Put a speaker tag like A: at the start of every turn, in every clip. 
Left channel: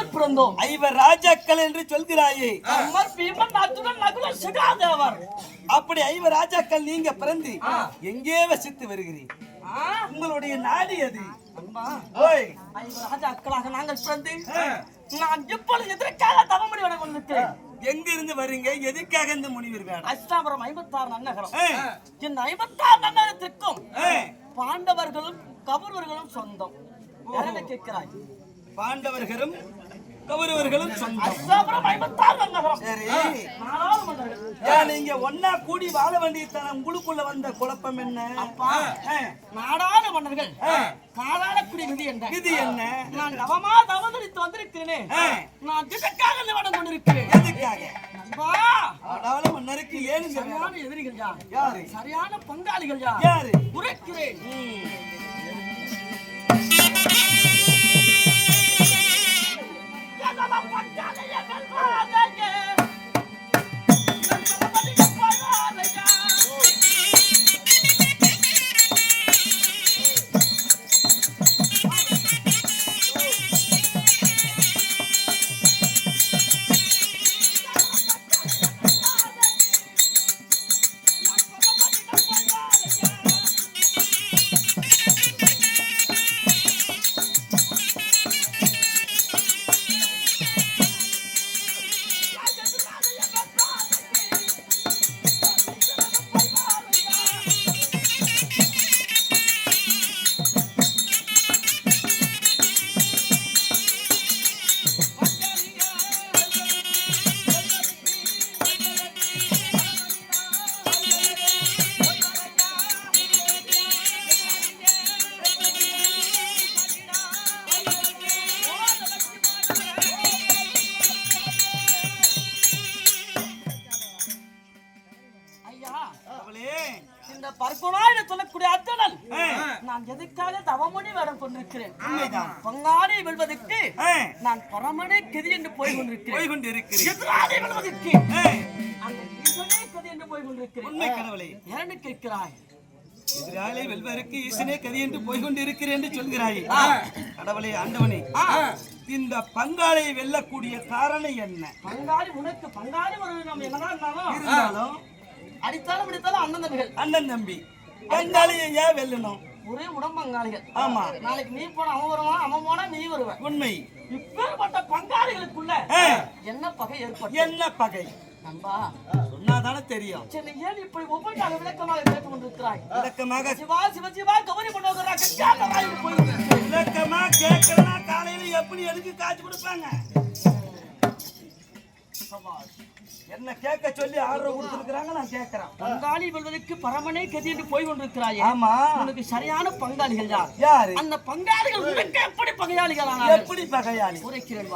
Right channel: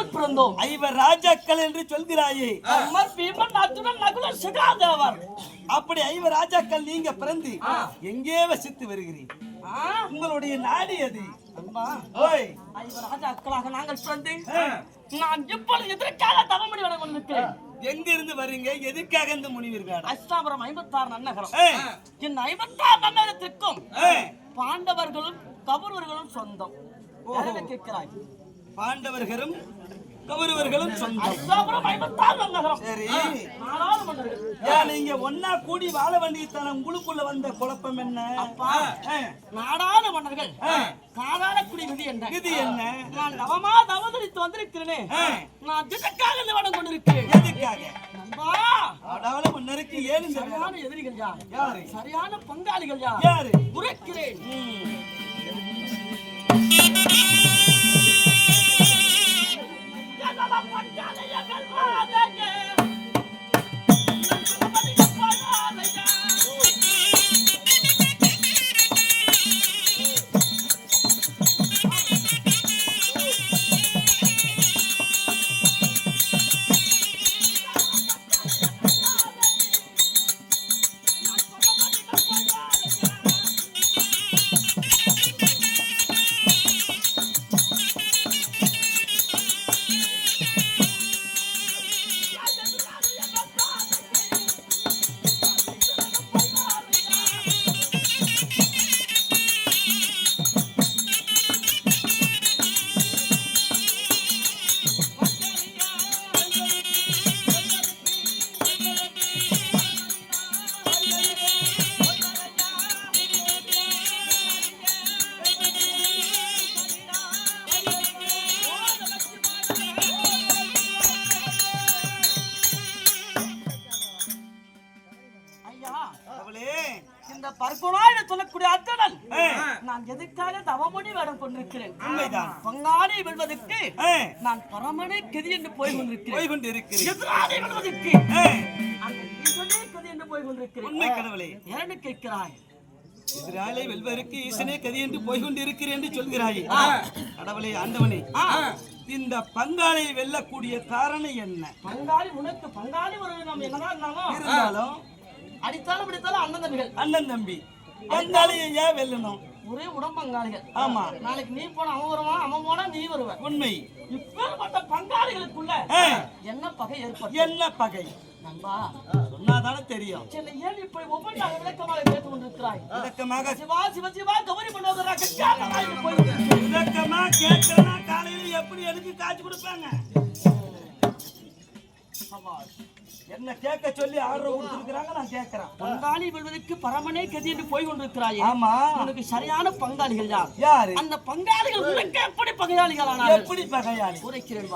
A: நாங்கள் பிறந்தோம்
B: ஐவர் ராஜாக்கள் என்று சொல்கிறாயே.
A: அமர் பீமன் அர்ஜுனன் நகுலன் சகாதேவர்.
B: அப்படி ஐவர் ராஜாக்கள் நீங்க பிறந்து எங்கே வசித்து வருகிறீர்? உங்களுடைய நாடு அது
A: ஐவர் ராஜாக்களாக நாங்கள் பிறந்து நான் இப்பொழுது எதற்காக தவமணி வர கொண்டிருக்கிறேன்?
B: எங்க இருந்து வர்றீங்க எதுக்காக இந்த முனிவர் வேடம்
A: அஷ்டாபுரம் ஐம்பத்தாறு நன்னகரம். இந்த ஐம்பத்தாறு நன்னகரத்திற்கும் பாண்டவர்களும் கௌரவர்களும் சொந்தம். கேட்கிறாய்?
B: பாண்டவர்களும் ஏன் நீங்க ஒன்னா கூடி வாழ வேண்டியதான உங்களுக்குள்ள வந்த குழப்பம் என்ன?
A: நாடாள மன்னர்கள் காலாளக்குடி விதி என்ன?
B: இது என்ன?
A: நான் நவமா தவதரித்து வந்திருக்கிறேனே. நான் திட்டக்காக இந்த வடம் கொண்டிருக்கிறேன்.
B: எதுக்காக?
A: நண்பா.
B: அடால மன்னருக்கு ஏன்?
A: சரியான எதிரிகள் யார்? சரியான பங்காளிகள் யார்?
B: யாரு?
A: உரைக்கிறேன். நான் எதுக்காக தவமணி வேடம் கொண்டிருக்கிறேன்?
B: உண்மைதான்.
A: பங்காளி வெல்வதற்கு நான் பரமனே கதி என்று போய் கொண்டிருக்கிறேன். வெல்வதற்கு அந்த ஈசனே கதி என்று போய் கொண்டிருக்கிறேன். ஏன்னு கேட்கிறாய்.
B: எதிராளை வெல்வதற்கு ஈசனே கதி என்று போய் கொண்டு இருக்கிறேன் என்று சொல்கிறாயே. கடவுளே ஆண்டவனே. இந்த பங்காளை வெல்லக்கூடிய காரணம் என்ன?
A: பங்காளி உனக்கு பங்காளி நம்ம என்னதான் இருந்தாலும்.
B: இருந்தாலும்
A: அடித்தாலும் பிடித்தாலும் அண்ணன் தம்பிகள்.
B: அண்ணன் தம்பி. பங்காளியை ஏன் வெல்லணும்?
A: ஒரே உடம்பங்காளிகள்.
B: ஆமா.
A: நாளைக்கு நீ போனா அவன் வருவான் அவன் போனா நீ வருவ.
B: உண்மை.
A: இப்பேற்பட்ட பங்காளிகளுக்குள்ள என்ன பகை ஏற்பட்டு?
B: என்ன பகை?
A: நண்பா.
B: சொன்னாதானே தெரியும்.
A: சரி ஏன் இப்படி ஒவ்வொன்றாக விளக்கமாக கேட்டுக் கொண்டிருக்கிறாய்
B: விளக்கமாக
A: சிவா சிவ சிவா பண்ணுவதா கச்சாத்தமாய் போய்
B: விளக்கமா கேட்கறனா காலையில எப்படி எதுக்கு காய்ச்சி கொடுப்பாங்க? என்ன கேட்க சொல்லி ஆர்டர் கொடுத்துருக்காங்க நான் கேட்கறேன்.
A: பங்காளி வெல்வதற்கு பரமனே கதி என்று போய் கொண்டிருக்கிறாயே.
B: ஆமா.
A: உனக்கு சரியான பங்காளிகள் யார்?
B: யாரு?
A: அந்த பங்காளிகள் உனக்கு எப்படி பகையாளிகள்
B: எப்படி பகையாளி?
A: உரைக்கிறேன்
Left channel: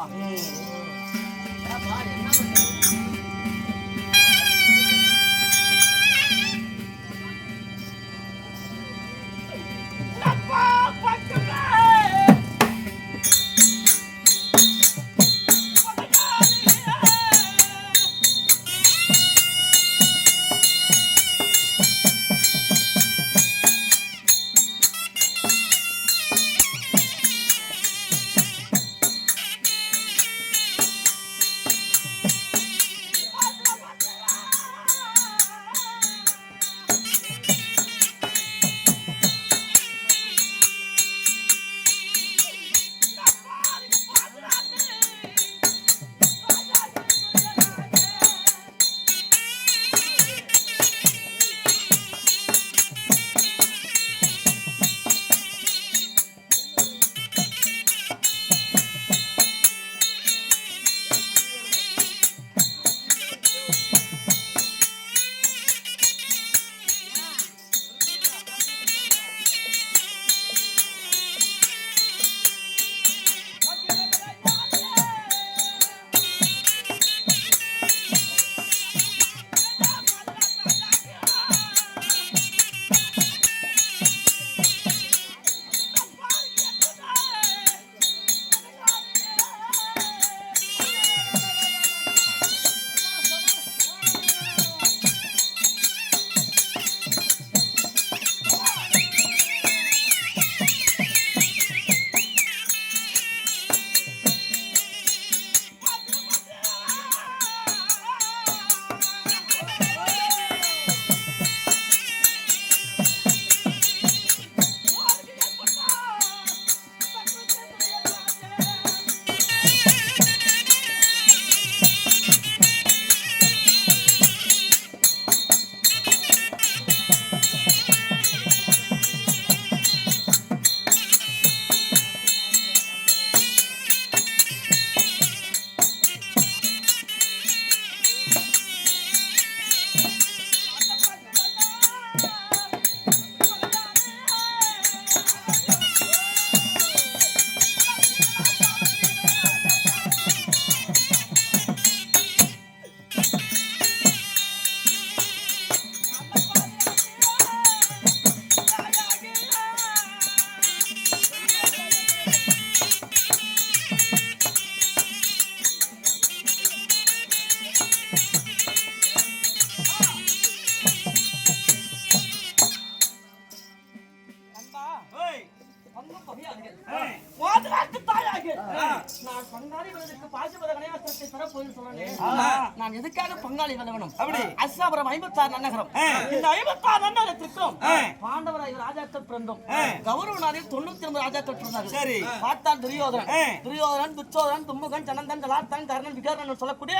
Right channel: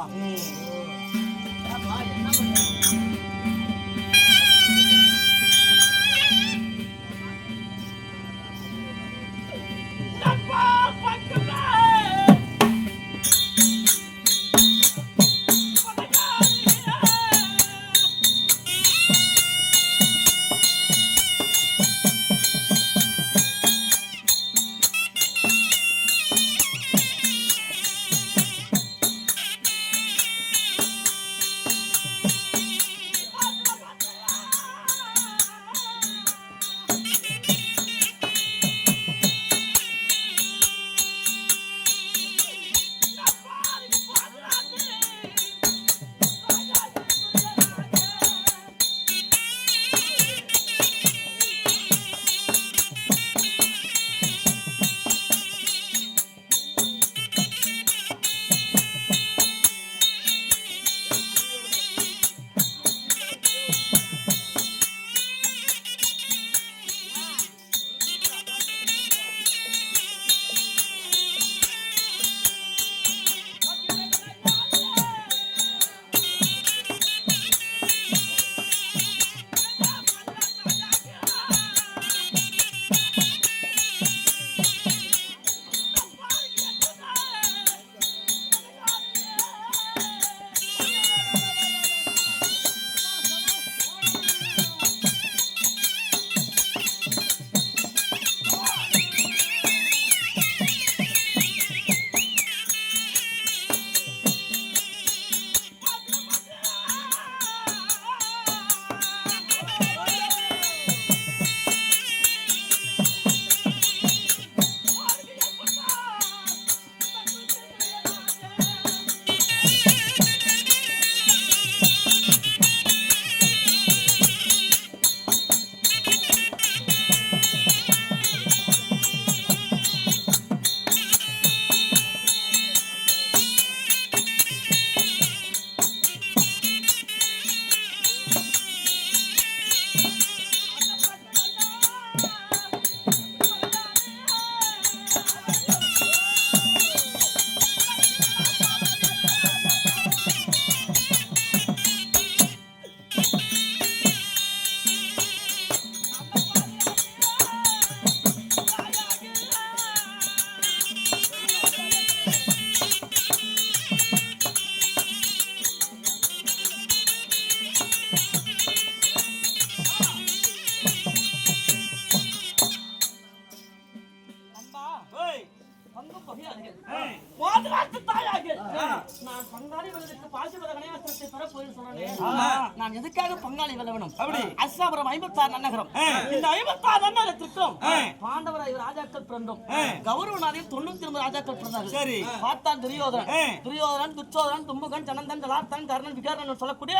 A: நான் பங்காளி விருதுக்கு பாசிபத கணையாத்திரத்தை பெற போய் சொன்னேன்.
B: ஆமா.
A: நான் எதுக்காக பங்காளி வெல்ல வேணும்
B: அப்படி.
A: அஸ்ஸாபுரம் ஐம்பத்தாறு நன்னகரம். இந்த ஐம்பத்தாறு நன்னகரத்திற்கும் பாண்டவர் ஐவர் ராஜாக்கள் பிறந்தோம். கௌரவ நாளில் தொண்ணூத்தி ஒன்பது ராஜாக்கள் பிறந்தார்கள்.
B: சரி.
A: பார்த்தான் துரியோதனன். துரியோதனன் துச்சோதனன் தும்முகன் ஜனந்தன் கலாத்தன் கர்ணன் விகர்ணன் சொல்லக்கூடிய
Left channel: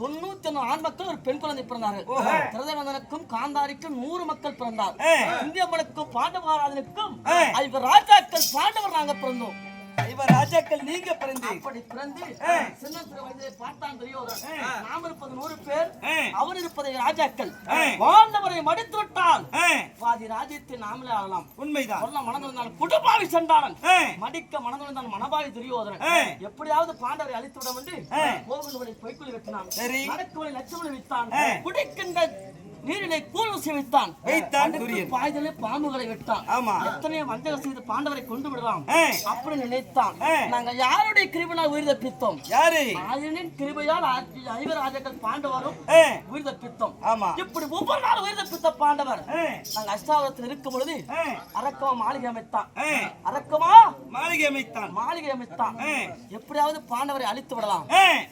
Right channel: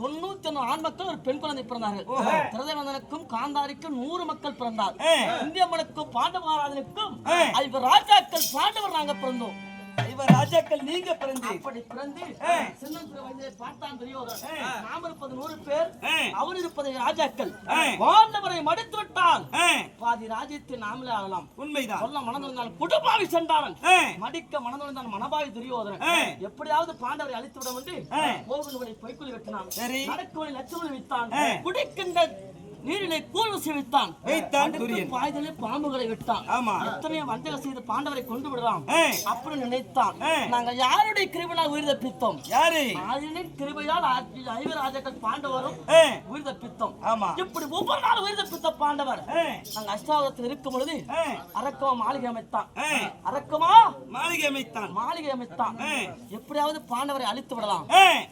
A: தொண்ணூத்தி ஒன்னு ஆண் மக்கள் ஒரு பெண் குழந்தை பிறந்தார்கள். திருதனந்தனுக்கும் காந்தாரிக்கும் நூறு மக்கள் பிறந்தார். இந்தியம்மனுக்கும் பாண்டவராஜனுக்கும் ஐவர் ராஜாக்கள் பாண்டவர் நாங்க பிறந்தோம்.
B: ராஜாக்கள் நீங்க பிறந்து
A: அப்படி பிறந்து சின்ன சிறு வயதிலே பார்த்தான் துரியோதனன். நாம் இருப்பது நூறு பேர். அவர் இருப்பது ராஜாக்கள். பாண்டவரை மடித்து விட்டால் பாதி ராஜ்யத்தை நாமளே ஆளலாம்.
B: உண்மைதான்.
A: சொல்ல மனதிருந்தான் குடுபாவி சென்றான்
B: ஆ,
A: மடிக்க மனதிருந்தான் மனபாவி துரியோதனன். எப்படியாவது பாண்டவரை அழித்து விட வந்து. போகின்ற வழி பொய்க்குழி வெட்டினான்.
B: சரி.
A: நடக்குவழி லட்சுமணி வைத்தான். குடிக்கின்ற நீரிலே கூழ் ஊசி வைத்தான். பாய்தலே பாம்புகளை விட்டான்.
B: ஆமா.
A: எத்தனையோ வஞ்சகம் செய்து பாண்டவரை கொண்டு விடலாம் அப்படி நினைத்தான்.
B: ஆ.
A: நாங்கள் யாருடைய கிருபினால் உயிர் தப்பித்தோம்?
B: யாரு?
A: ஆதினின் கிருபையால் ஆட்சி ஐவராஜர்கள் பாண்டவரும் உயிர் தப்பித்தோம்.
B: ஆமா.
A: இப்படி ஒவ்வொரு நாள் உயிர் தப்பித்த பாண்டவர்.
B: ஆ,
A: நாங்கள் அஷ்டாவதத்தில் இருக்கும் பொழுது அரக்கமா மாளிகை அமைத்தான். அரக்கமா?
B: மாளிகை அமைத்தான்.
A: மாளிகை அமைத்தான். எப்படியாவது பாண்டவரை அழித்து விடலாம்.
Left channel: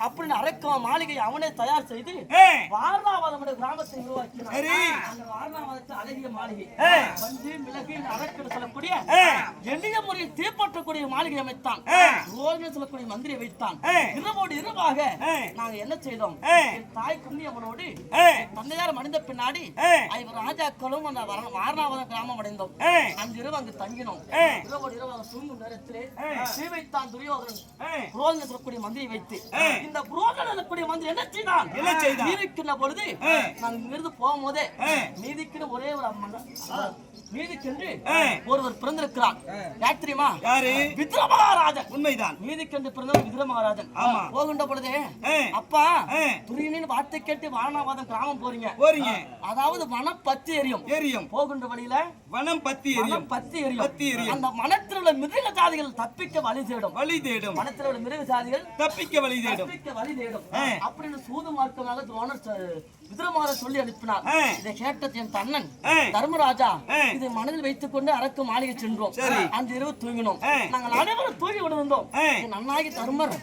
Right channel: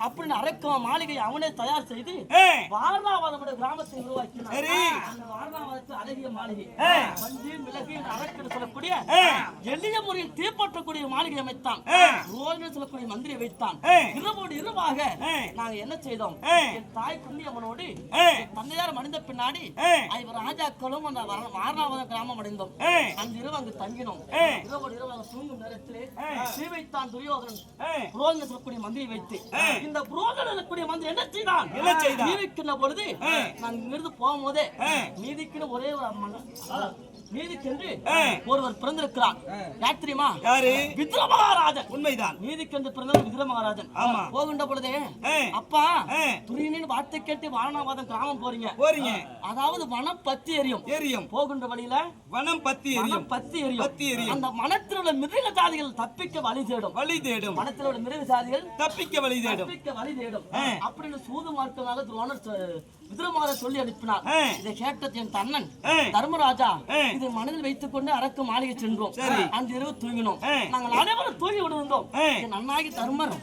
A: அப்படின்னு அரக்கமா மாளிகை அவனே தயார் செய்து
B: ஆ,
A: வாரணாவதம் என்ற கிராமத்தை உருவாக்கினான்
B: சரி.
A: அந்த வாரணாவதத்தில் அழகிய மாளிகை மிளகு அரக்கன் சொல்லக்கூடிய
B: ஆ.
A: எளிய முறையில் தீப்பற்றக்கூடிய மாளிகை அமைத்தான்
B: ஆ.
A: ரோஜன் சொல்லக்கூடிய மந்திரியை வைத்தான். இரவோடு இரவாக. நாங்க என்ன செய்தோம். என் தாய் குந்தியம்மனோடு
B: ஆ,
A: தந்தையார் மடிந்த பின்னாடி
B: ஆ,
A: ஐவர் ராஜாக்களும் அந்த வாரணாவதம் கிராமம் அடைந்தோம் அன்று இரவு அங்கு தங்கினோம். இரவோடு இரவாக தூங்கும் நேரத்திலே
B: ஆ.
A: ஸ்ரீ வைத்தான் துரியோதனன்
B: ஆ,
A: புரோதனை சொல்லக்கூடிய மந்திரி வைத்து இந்த புரோதனை சொல்லக்கூடிய மந்திரி என்ன செய்தான்
B: என்ன செய்தான்?
A: பொழுது நான் இங்கிருந்து போகும்போதே நீதிக்குன்னு ஒரே ஒரு அம்மன் நீதிக்கென்று ஒருவர் பிறந்திருக்கிறார். யார் தெரியுமா?
B: யாரு?
A: விக்ர மகாராஜன்
B: உண்மைதான்.
A: நீதிக்கென்று பிறந்தவர் விக்ர மகாராஜன்
B: ஆமா.
A: போகின்ற பொழுதே
B: ஆ,
A: அப்பா
B: ஆ,
A: துரியனின் வார்த்தை கேட்டு வாரணாவாதம் கிராமம் போறீங்க.
B: போறீங்க.
A: அதாவது மனம் பத்தி எரியும்.
B: எரியும்.
A: போகின்ற வழியில
B: வனம் பத்தி எரியும்.
A: பத்தி எரியும்.
B: பத்தி எரியும்.
A: அந்த மனத்தில் உள்ள மிருக ஜாதிகள் தப்பிக்க வழி தேடும்.
B: வழி தேடும்.
A: மனத்தில் உள்ள மிருக ஜாதிகள்
B: தப்பிக்க வழி தேடும்.
A: தப்பிக்க வழி தேடும். அப்படின்னு சூது மார்க்கமாக துரோணர் விதுரமார சொல்லி அனுப்பினார். இதை கேட்ட என் தன்னன். தர்மராஜா. இதை மனதில் வைத்துக் கொண்டு அரக்கு மாளிகை சென்றோம். அன்று இரவு தூங்கினோம். நாங்கள் அனைவரும் தூங்கி விடுந்தோம் அண்ணாகி தர்மர்.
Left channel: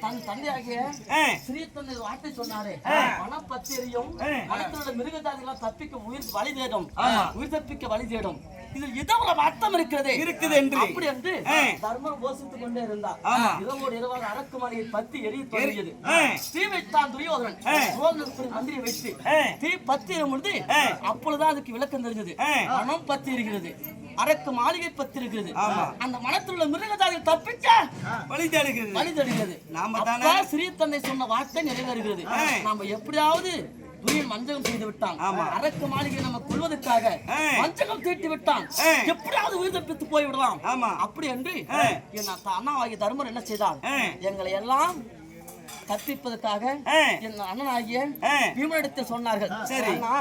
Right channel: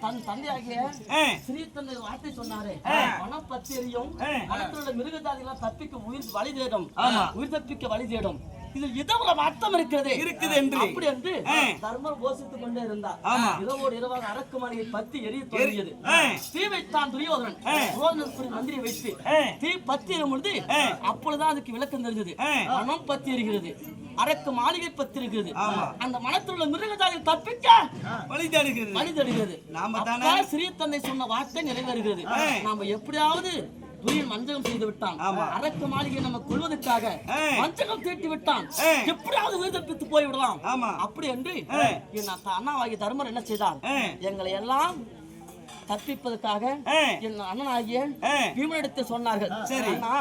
A: தன் தந்தையாகிய
B: ஆ,
A: ஸ்ரீ தந்தை ஒரு வார்த்தை சொன்னாரே மனம் பத்தி எரியும்
B: ஆ.
A: மனத்தில் உள்ள மிருக ஜாதிகளால் தப்பிக்க உயிர் வழி தேடும். உயிர் தப்பிக்க வழி தேடும் இதில் ஒரு அர்த்தம் இருக்கிறது.
B: இருக்குது என்று.
A: அப்படி என்று தர்மர் போசித்துக் கொண்டே இருந்தார். இரவோடு இரவாக அரக்கு மாளிகை பத்தி எரிய தொடங்கியது. தீ வைத்தான் துரியோதனன் துரியோதனனுக்கு மந்திரியை வைத்து தீ பத்தி எரியும் பொழுது அப்பொழுதுதான் அதுக்கு விளக்கம் தெரிஞ்சது. மனம் பத்தி எரிகிறது. அரக்கு மாளிகை பத்தி இருக்கிறது
B: ஆமா.
A: அந்த மனத்தில் உள்ள மிருகஜாதிகள் தப்பிக்க
B: வழி தேடுகிறது.
A: வழி தருகிறது
B: நாம
A: சிறிய தந்தை சொன்ன வார்த்தை நிறைவேறுகிறது. நாம எப்படியாவது துரியன் வஞ்சகம் செய்து விட்டான். அரக்கு மாளிகை நம்ம கொள்வதற்காக. வஞ்சகம் தீட்டி விட்டான். எப்படியாவது உயிர் தப்பித்து போய் விடலாம்
B: ஆமா
A: அப்படி என்று என் அண்ணாவாகிய தர்மர் என்ன செய்தார். எங்களை எல்லாம் தப்பிப்பதற்காக என் அண்ணனாகிய பீமனிடத்தில் சொன்னார்கள்.
B: சரி.
A: அண்ணா.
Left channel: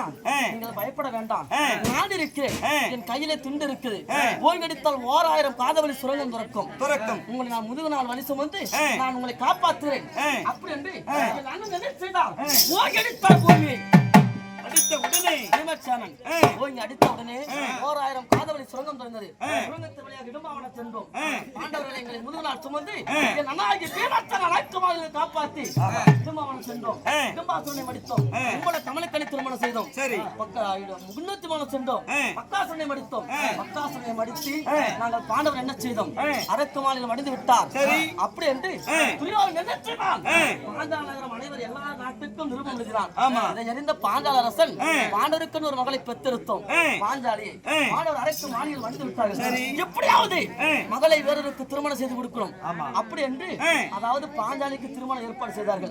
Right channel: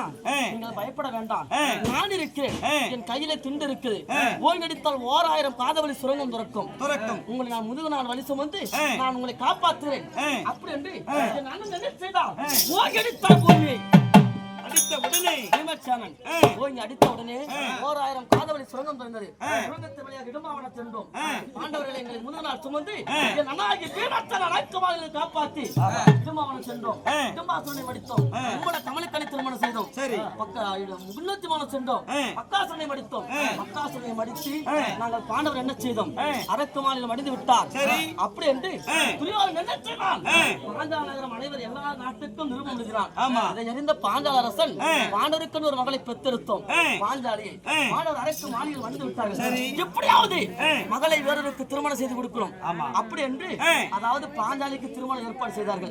A: நீங்கள் பயப்பட வேண்டாம். நான் இருக்கிறேன். என் கையிலே துண்டு இருக்குது. ஓய்வெடுத்தால் ஓராயிரம் காதவழி சுரங்கம் துறக்கும்.
B: துறக்கம்.
A: உங்களை நான் முதுகு நாள் வழி சுமந்து. நான் உங்களை காப்பாற்றுகிறேன்
B: ஆ.
A: அப்படி என்று என் அண்ணன் என்ன செய்தார்? ஓய்வெடுத்தார் பூமியை
B: அடுத்த உடனே
A: பீமச்சேனன்
B: ஆ.
A: ஓய்ந்து அடித்த உடனே ஓராயிரம் காதவழி சுரங்கம் திறந்தது சுரங்கத்து வழியாக இடும்பாவன சென்றோம் பாண்டவர்களை எங்களை முதுகு நாள் சுமந்து என் அண்ணாகிய பீமச்சேனன் அனைத்துமாக காப்பாற்றி இடும்பாவனம் சென்றோம்
B: ஆ.
A: இடும்பாசுரனை மடித்தோம் உங்களை கமலக்கணி திருமணம் செய்தோம்
B: சரி
A: பக்க- முன்னூத்தி மனம் சென்றோம்
B: ஆ.
A: பக்காசுரனை மடித்தோம் பக்காசுரனை மடித்து. நாங்கள் பாண்டவர் என்ன செய்தோம். அரக்கு மாநிலம் மடிந்து விட்டார். அப்படி என்று துரியோதனன் என்ன செய்தான் பாஞ்சால நகரம் அனைவர் எல்லா நாட்டுக்கும் நிருபம் எழுதினான்
B: ஆமா.
A: இதை அறிந்த பாஞ்சால அரசன் பாண்டவருக்குன்னு ஒரு மகளை பெற்றெடுத்தோம். பாஞ்சாலியை
B: ஆ.
A: பாண்டவர் அரக்கு மாநிலம் வந்து விட்டார்கள். எப்படியாவது. மகளை வேறொருக்கு திருமணம் செய்து கொடுக்கணும்
B: ஆமா.
A: அப்படி என்று. அதாவது பாஞ்சாலிக்கு திருமணம் ஏற்பாடு செய்தார்கள்